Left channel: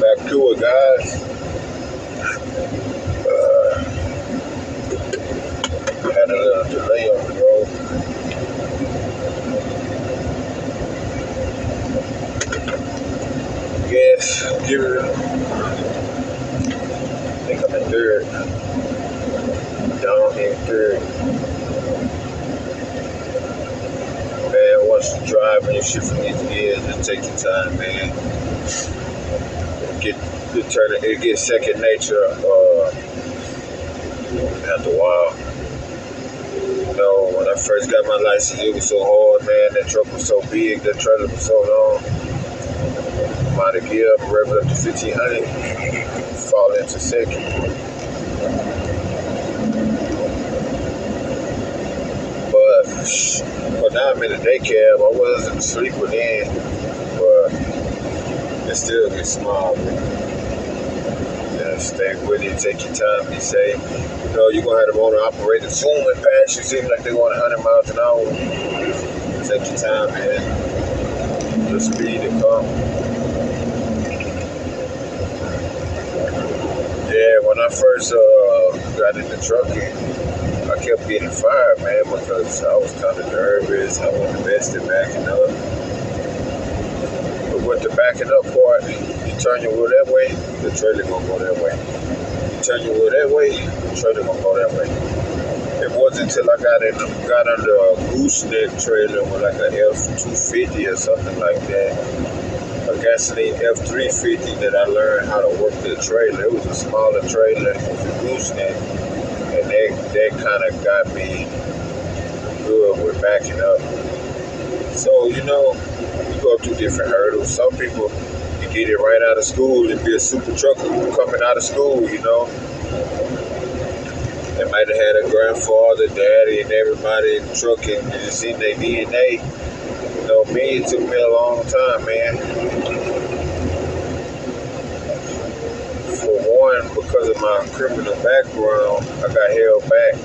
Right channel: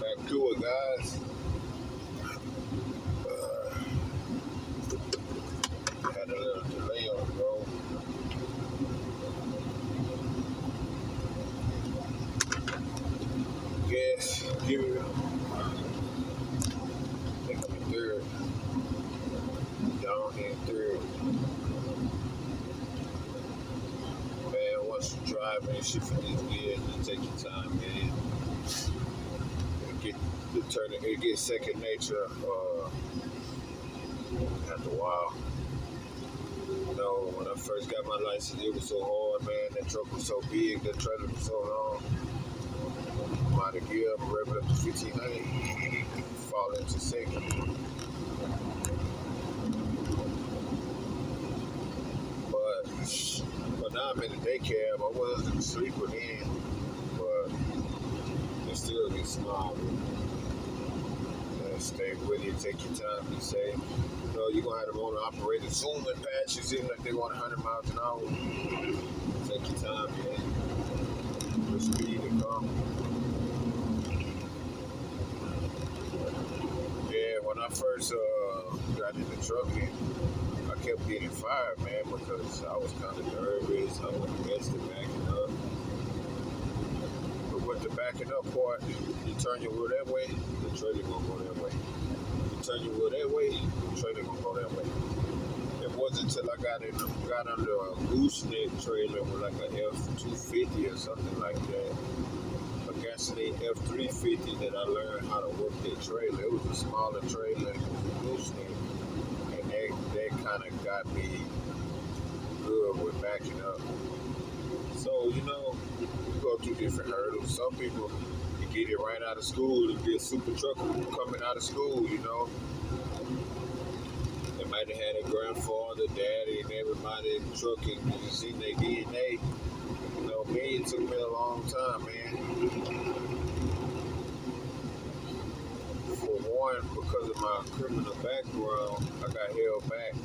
Back to it, guys. Had a little delay on the road. Yes, give it. I think I'm in third. Down here in third. Man, once you drive and you shift from these gears, just take your time, man. It gets second nature after a while. You know, when I first got my license, it was so hard, man. That truck was so big, that trailer was so long. I'm out of gear, I'm revving up to 1500, fall into second. But now I'm in a day cab. I wasn't sleeping in, but it still gets small. Stay with it, take your time, be safe. You know, you're gonna have the motor operator zooming past you, seem like they want 100 miles an hour. Take your time, man. The speed to come. Yeah, when I first got in the trucking, I kept getting fired, man, because I was kind of nervous. I wasn't the best at backing up. But with the backing up part, you turn your wheel that way, the trailer gonna go that way. You turn your wheel that way, the trailer gonna go that way. It wasn't until I got under a gooseneck trailer with like a F250 or something like that, a gasoline F350, that I learned how to work the trailer. It was a smaller trailer, it was a gooseneck, and that kind of got me good with backing up. So, you know, you go through different hurdles. Some people, you get it right out of school and be a super trucker coming out of school, you know. They might have had a grandfather, daddy, and everybody in trucking, and you see their DNA. You know, me, it took me a long time, man. For one, because of my criminal background, I got held back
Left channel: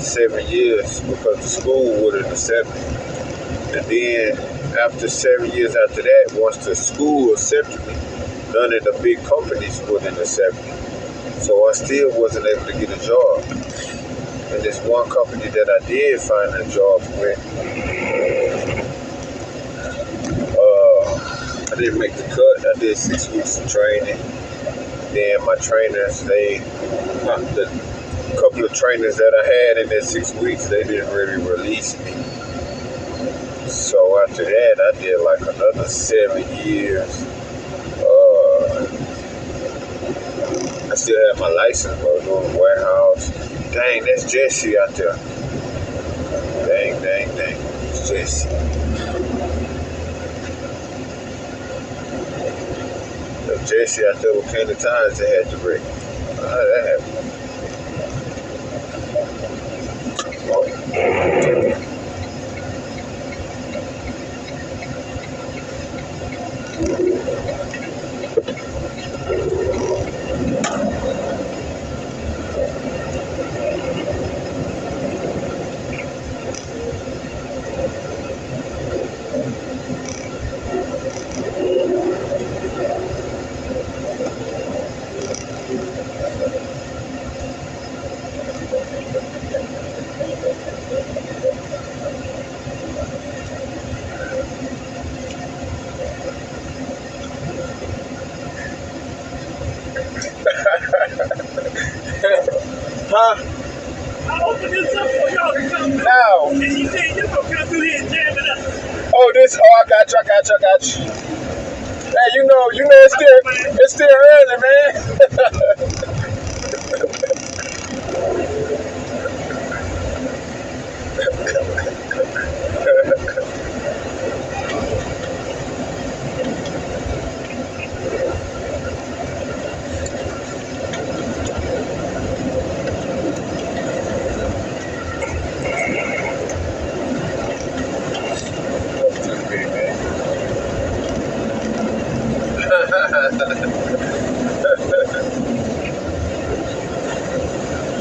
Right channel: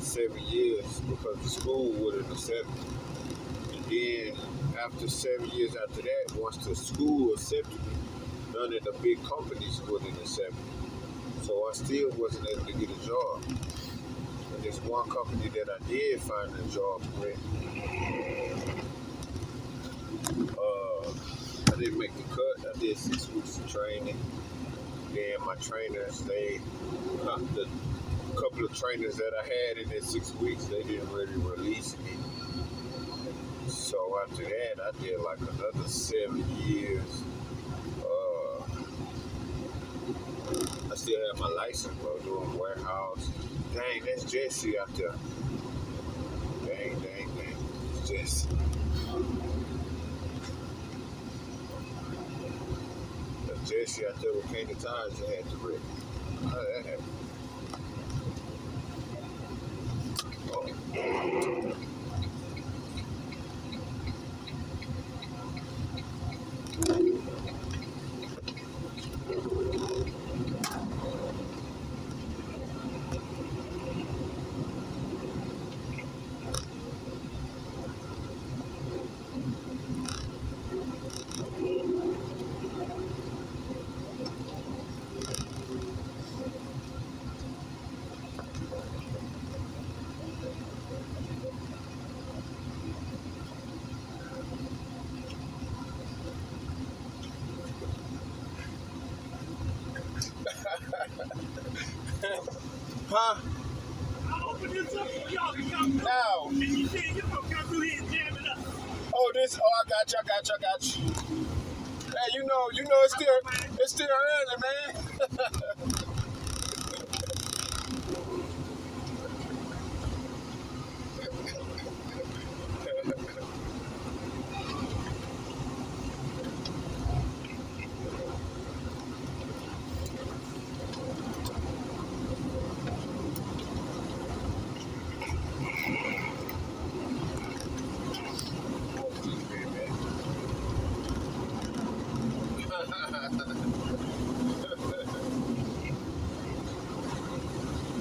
7 years because the school wouldn't accept me. And then, after 7 years after that, once the school accepted me, none of the big companies wouldn't accept me. So I still wasn't able to get a job. And this one company that I did find a job with, I didn't make the cut. I did 6 weeks of training. Then my trainers, the couple of trainers that I had in that 6 weeks, they didn't really release me. So after that, I did like another 7 years. I still have my license, but I was doing the warehouse. Dang, that's Jesse out there. Dang. It's Jesse. There's Jesse out there with plenty of times they had to break. How did that happen? Huh? I opened this up for y'all to come Now. and you said you're gonna come through here and jam it up. I got you. Hey, you know, it's still early, man.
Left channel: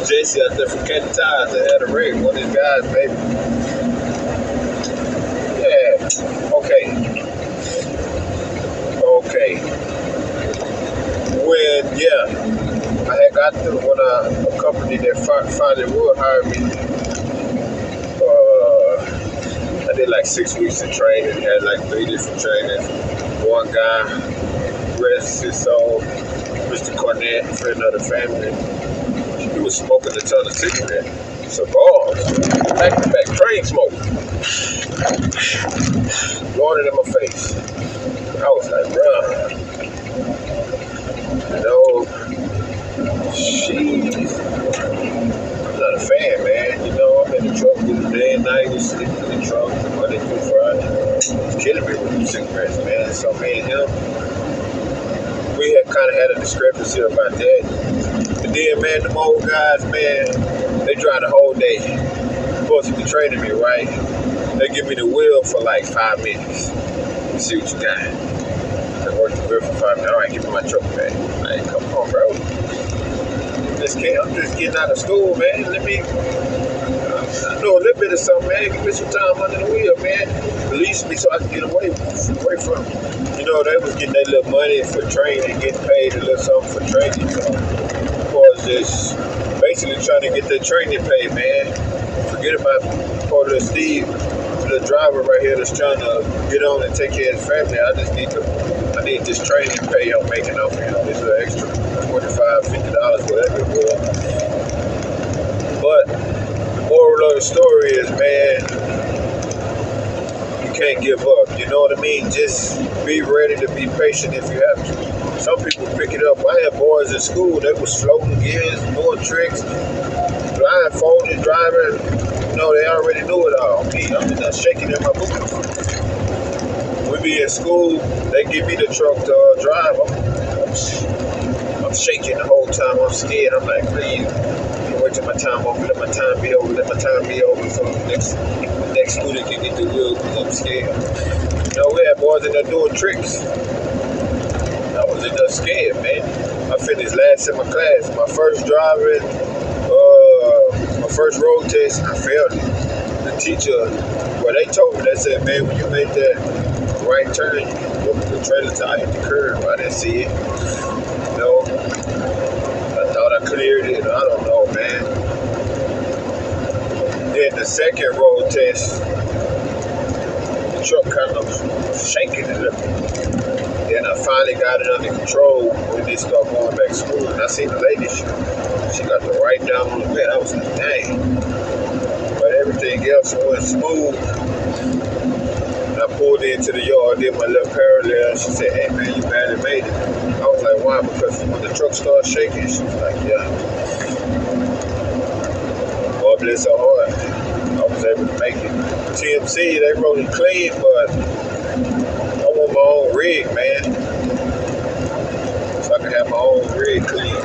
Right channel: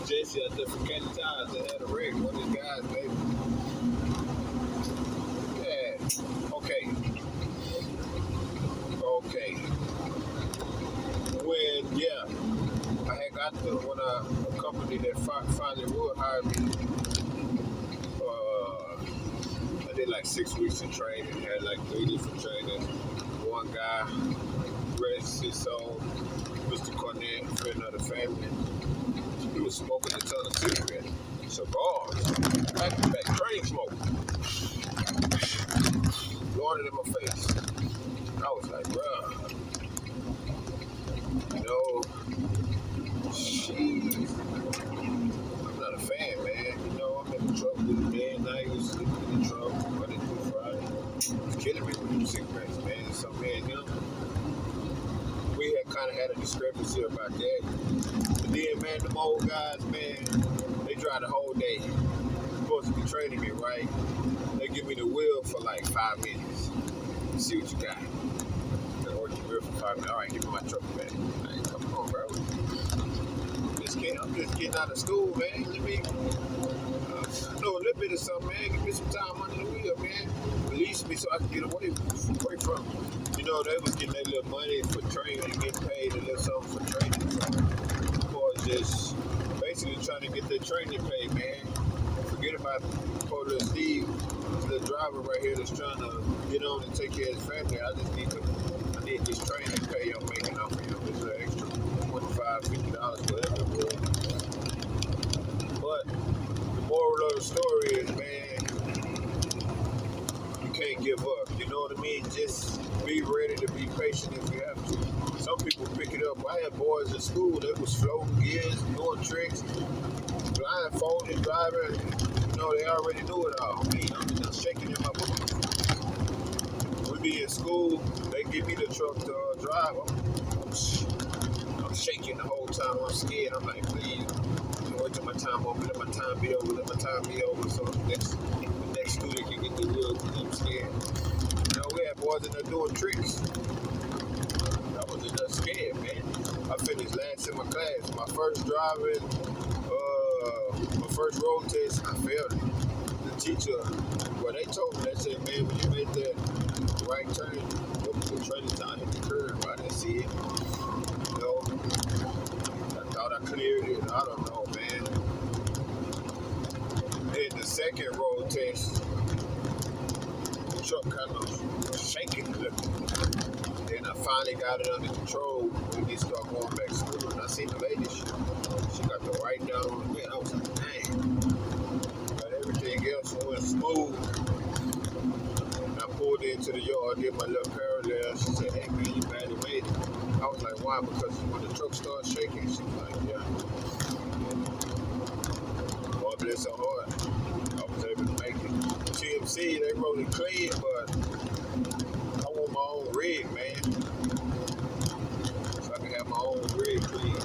JC out there from Kenny Tires that had a rig, one of these guys, baby. Yeah, okay. finally would hire me. I did like 6 weeks of training, had like 3 different trainers. One guy, rest his soul, Mr. Cornett, friend of the family. He was smoking a ton of cigarettes. Cigars, back to back, train smoke. Blowing it in my face. I was like, bruh, you know, she's I'm not a fan, man. You know, I'm in the truck with the day and night, just sleeping in the truck, Monday through Friday. It's killing me with them cigarettes, man. So me and him, we had kind of had a discrepancy about that. And then, man, them old guys, man, they drive the whole day. Supposed to be training me, right? They give me the wheel for like 5 minutes. Let's see what you got. I work the wheel for 5 minutes. All right, give me my truck back. Like, come on, bro. I'm just getting out of school, man. Let me I know a little bit of something, man. Give me some time under the wheel, man. Release me so I can get away from it. You know, they was getting their little money for training, getting paid a little something for training. So, was just basically trying to get their training paid, man. Forget about poor little Steve, the driver right here that's trying to get on and take care of his family. I need this training pay I'm making off him. This little extra $25, $50, whatever it was. But the moral of the story is, man, you can't give up. You know what I mean? Just be ready to be patient if you have to. Some people pick it up. I had boys in school, they was floating gears, doing tricks, blindfolded, driving. You know, they already knew it all. Me, I'm just shaking in my boots. We be in school, they give me the truck to drive. I'm shaking the whole time. I'm scared. I'm like, please, wait till my time over. Let my time be over. Let my time be over. So the next student can get the wheel because I'm scared. You know, we had boys in there doing tricks. I was in there scared, man. I finished last in my class. My first driving, my first road test, I failed it. The teacher, well, they told me, they said, man, when you make that right turn, the trailer tire hit the curb. I didn't see it. You know, I thought I cleared it. I don't know, man. Then the second road test, the truck kind of shaking a little. Then I finally got it under control when they started going back to school. And I seen the lady, she got the right down on the bed. I was like, dang. But everything else went smooth. And I pulled into the yard, did my little parallel. She said, hey, man, you barely made it. I was like, why? Because when the truck started shaking, she was like, yeah. Well, bless her heart, I was able to make it. TMC, they wrote it clean, but I want my own rig, man. So I can have my own rig clean.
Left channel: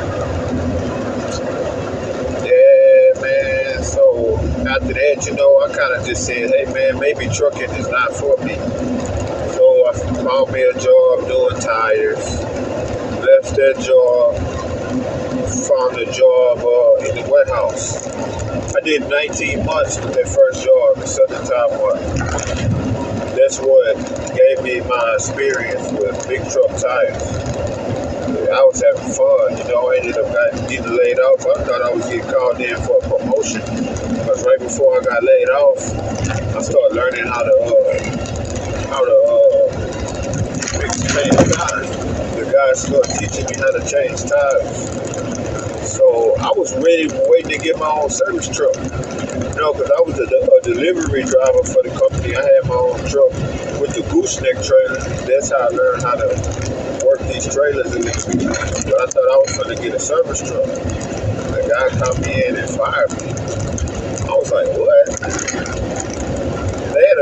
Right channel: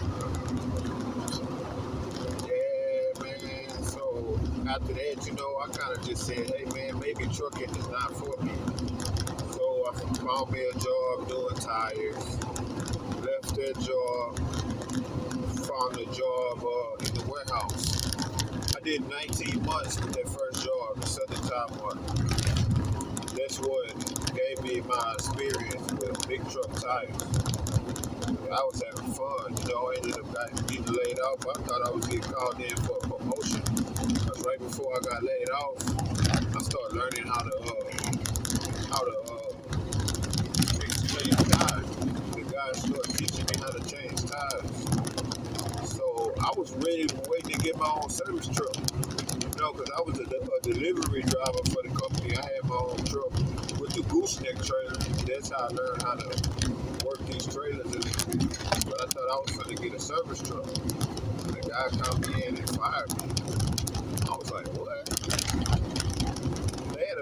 Yeah, man. So after that, you know, I kind of just said, hey, man, maybe trucking is not for me. So I found me a job doing tires. Left that job, found a job in the warehouse. I did 19 months with that first job, the Southern Tire Mart. That's what gave me my experience with big truck tires. I was having fun, you know. I ended up getting laid off. I thought I was getting called in for a promotion, because right before I got laid off, I started learning how to change tires. The guy started teaching me how to change tires. So I was ready, waiting to get my own service truck. You know, because I was a delivery driver for the company. I had my own truck with the gooseneck trailer. That's how I learned how to work these trailers in the street. So I thought I was going to get a service truck. The guy come in and fired me. I was like, what? They had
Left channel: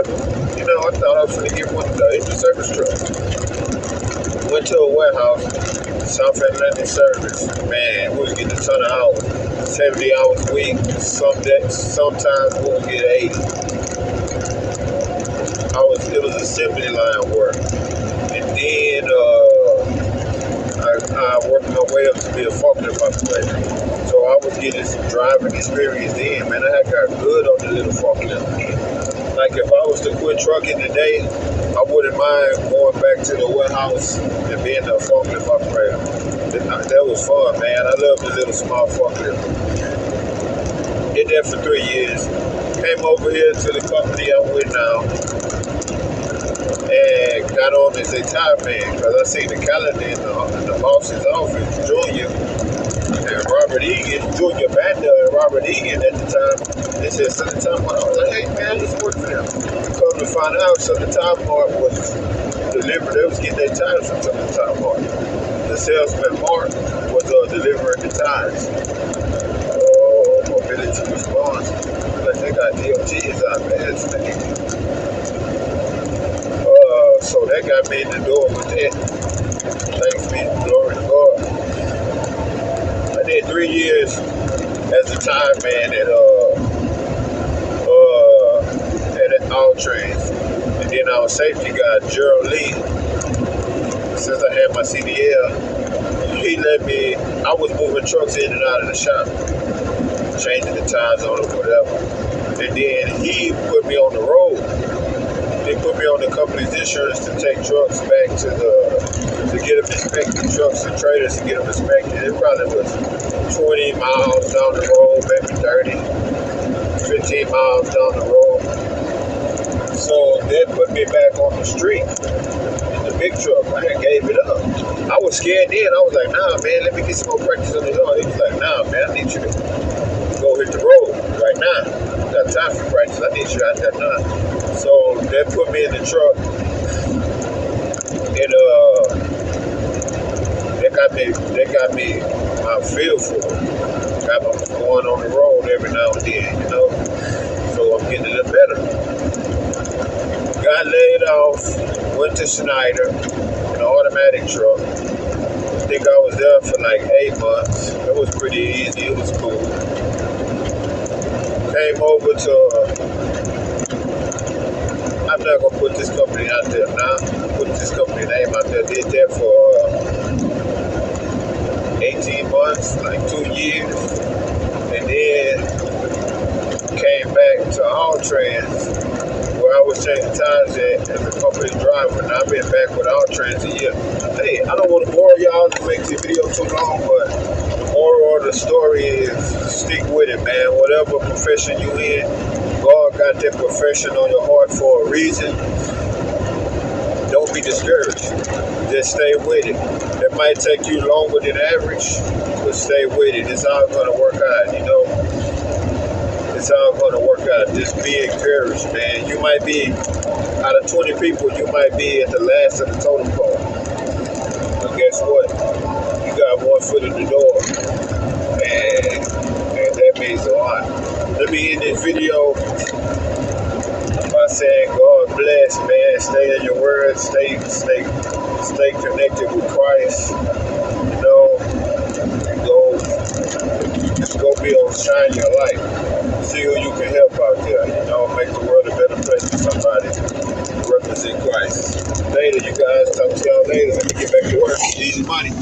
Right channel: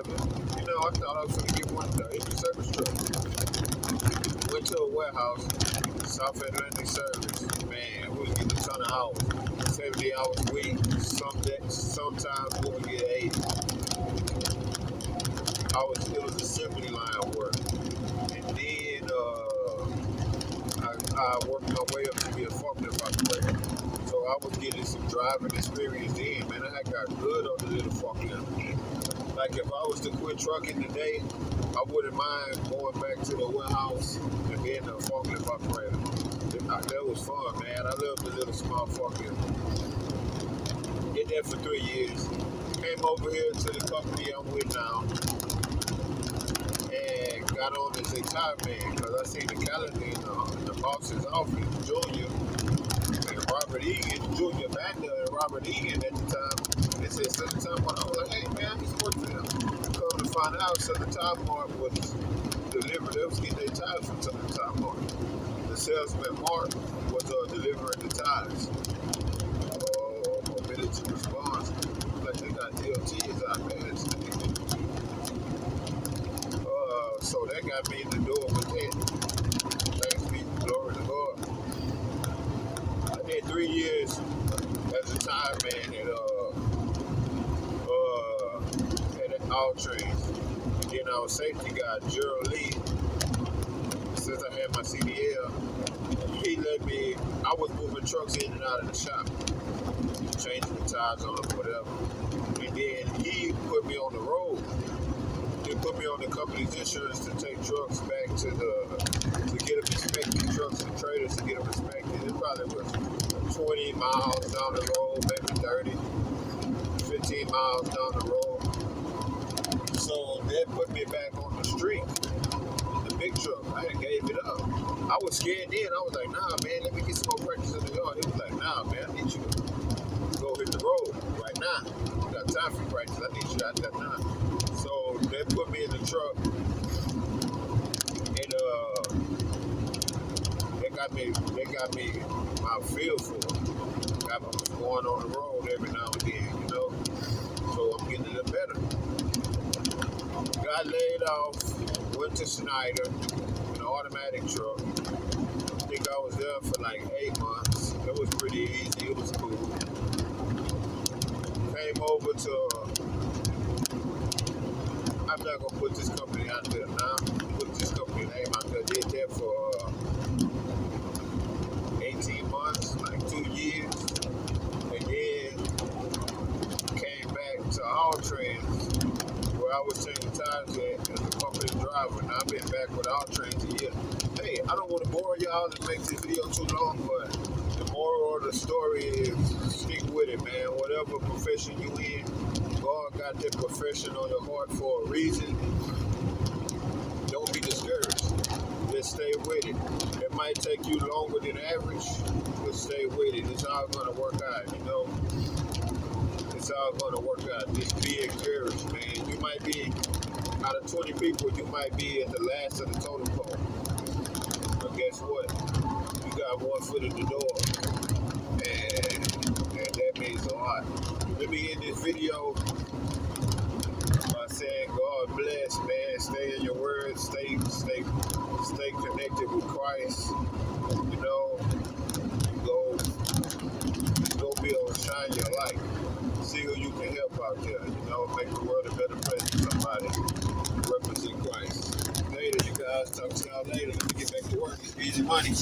I thought I was going to get one of the service truck. Went to a warehouse, South Atlantic service. Man, we was getting a ton of hours. 70 hours a week. Sometimes we would get 80. It was assembly line work. And then I worked my way up to be a forklift operator. So I was getting some driving experience then. Man, I had got good on the little forklift. Like if I was to quit trucking today, I wouldn't mind going back to the warehouse and being a forklift operator. That was fun, man. I love the little small forklift. did that for 3 years. Came over here to the company I'm with now and got on as a tire man because I seen the calendar in the boss's office, Junior and Robert Egan, Junior Banda and Robert Egan at the time. They said Southern Time Mart. I was like, hey man, I used to work for them. Come to find out, Southern Time Mart was delivered. They was getting their tires from Southern Time Mart. The salesman Mark was delivering the tires. Mobility response. Like they got DOTs out there. So that got me in the door with that. Thanks be glory to God. I did 3 years as a time man at All Trains. And then our safety guy, Gerald Lee, since I had my CDL, he let me, I was moving trucks in and out of the shop, changing the tires on them, whatever. And then he put me on the road. They put me on the company's insurance to take trucks back to get them inspected, trucks and trailers to get them inspected. It probably was 20 miles down the road, maybe 30, 15 miles down the road. So that put me back on the street in the big truck. I gave it up. I was scared then. I was like, nah, man, let me get some more practice on the yard. He was like, nah, man, I need you to go hit the road right now. I got time for practice. I need you out there now. So that put me in the truck, and they got me my feel for it. Got me going on the road every now and then, you know. So I'm getting it better. Got laid off, went to Schneider in an automatic truck. I think I was there for like 8 months. It was pretty easy. It was cool. Came over to. I'm not gonna put this company out there now. Put this company name out there. Did that for 18 months, like 2 years, and then came back to All Trans, where I was changing tires as a company driver. Now I've been back with All Trans a year. Hey, I don't want to bore y'all to make the video too long, but the moral of the story is stick with it, man. Whatever profession you in, God got that profession on your heart for a reason. Don't be discouraged. Just stay with it. It might take you longer than average, but stay with it. It's all going to work out, you know. It's all going to work out. Just be encouraged, man. You might be, out of 20 people, you might be at the last of the totem pole. But guess what? You got one foot in the door. And that means a lot. Let me end this video by saying God bless, man. Stay in your word. Stay connected with Christ. You know, just go be on shine your light. See who you can help out there. You know, make the world a better place for somebody. Represent Christ. Later, you guys. Talk to y'all later. Let me get back to work. Easy money.